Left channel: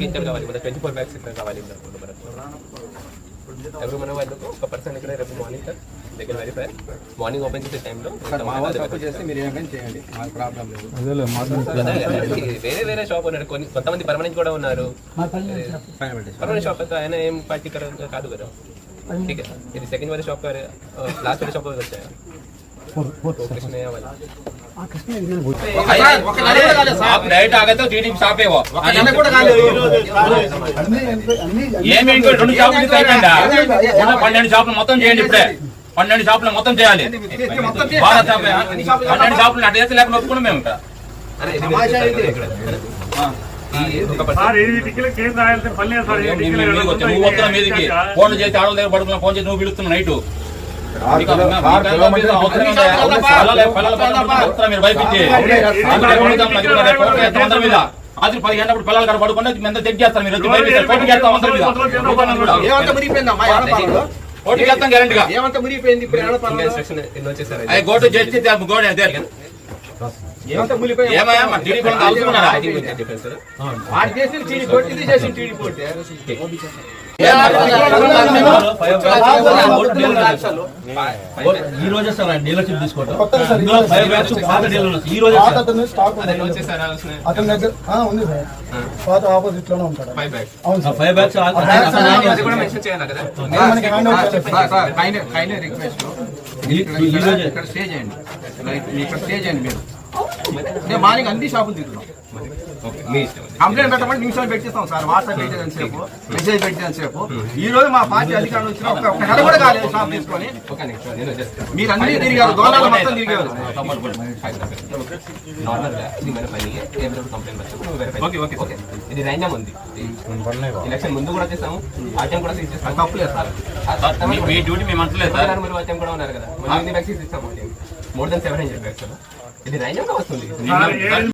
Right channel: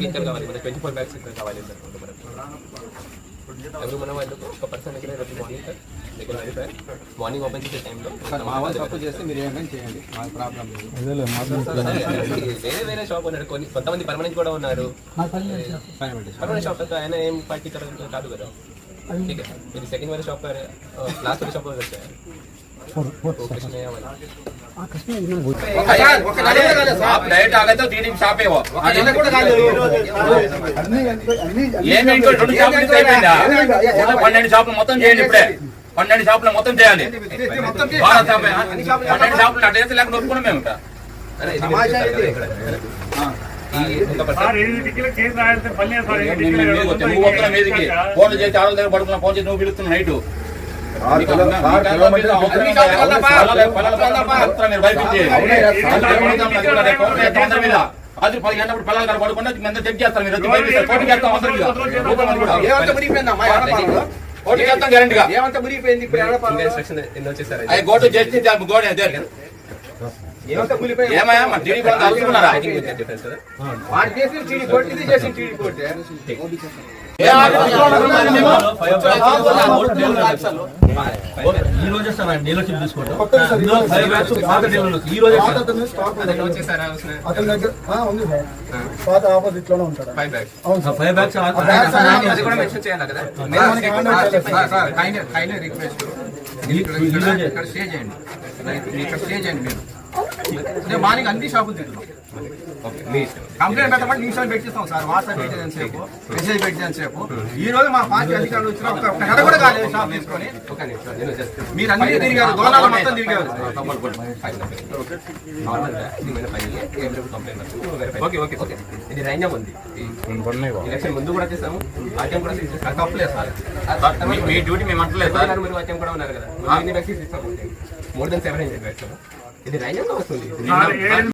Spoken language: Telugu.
కిచెన్ కావాలి, 24 బ్యాగ్స్ కావాలి. ఎవరు మన వాళ్ళకు ఒక పర్సన్ ఇక్కడ రేపు మార్నింగ్ సార్ దగ్గర వెళ్ళి సార్ మార్నింగ్ ఓపెన్ చేసే టైంలో తప్పు చేస్తే మీరు ఏమైనా చేయండి, మాకు ప్రాబ్లం లేదు. వేరే షాప్ ఉన్నారు, కొంతమంది పర్మనెంట్ కూడా ఉన్నారు. పర్మనెంట్ షాప్ అయితే ఆయన ఏం పర్టికులర్ కాదు కదా. ఇది సెకండ్ వారి షాప్, లాస్ట్ వారి షాప్ వచ్చాయి. డైరెక్ట్ ఆగతే టీడీపీ షాపే ఏమి 2 షాపులు అయిపోయిందా? 12 షాపులు మొత్తం చేయండి. ఇప్పుడే 12 షాపులు మొత్తం చేయాలి. 12 షాపులు అటు చేస్తే లేక నొప్పుకున్నాం మేము. నువ్వు వస్తున్నా మీదికి ఫోన్లు చేసి ఆడల దగ్గర పడుకున్నా, ఫోన్ చేసి నువ్వు పిలుస్తున్నావు నైట్. మీరు భయపించి మీద రాత్రి 10 గంటప్పుడు పిల్లలు గారు పడుకుంటే ఎంత చెక్ చేస్తారు. మీరు పోటీ చేస్తాం, పోటీ చేస్తాం గ్యారెంటీగా. గోటు చేసి గోడ ఏమయ్యా మా టీడీ కూడా అవుతున్నారా? ఈ రోజే సార్ ఆయన డీలర్షిప్ తీసుకోవడం. ఇందులో 5 బ్యాగ్స్ పాత డీలర్స్ ఈ రోజే అతని దగ్గర ఉంది సార్, పాత ఆపోజిట్ లోనే ఉంటాడు. 5 బ్యాగ్స్. అవును సార్, 5 బ్యాగ్స్ మెన్షన్ చేయాలి కదా. ఇక్కడ స్టే చేయండి, ఇక్కడ స్టే చేయండి. మీరు మార్నింగ్ అన్ని షాపులు తిరుగుతాం. కంప్లైంట్ పెట్టమంటే నిమిషాలు పెట్టిస్తాం సార్. వాట్సాప్ పెట్టేదని సేపు, మెసేజ్ పెట్టేదని సేపు. ఈ రోజు మా పార్టీ అధికారులు వచ్చిన ఒక నెల కూడా కాలేదు షాప్ తీసుకొని. మీరు అన్ని తిరిగారు, దోళాలు మొత్తం తిరిగారు. ఇది రైన్యం ఉంది, ఎలక్షన్ ముందు కూడా చేస్తాము. ఆటం కూడా తప్పులేదు సార్, మీ డ్యూటీ మేము అంటలేదు సార్. మీరు ఆటం కూడా ఉన్నారు కదా, ఎన్ని వ్యాక్సిన్స్ ఇస్తాము? More than 700 vaccine. ఇది రైన్యంగా వస్తుంది.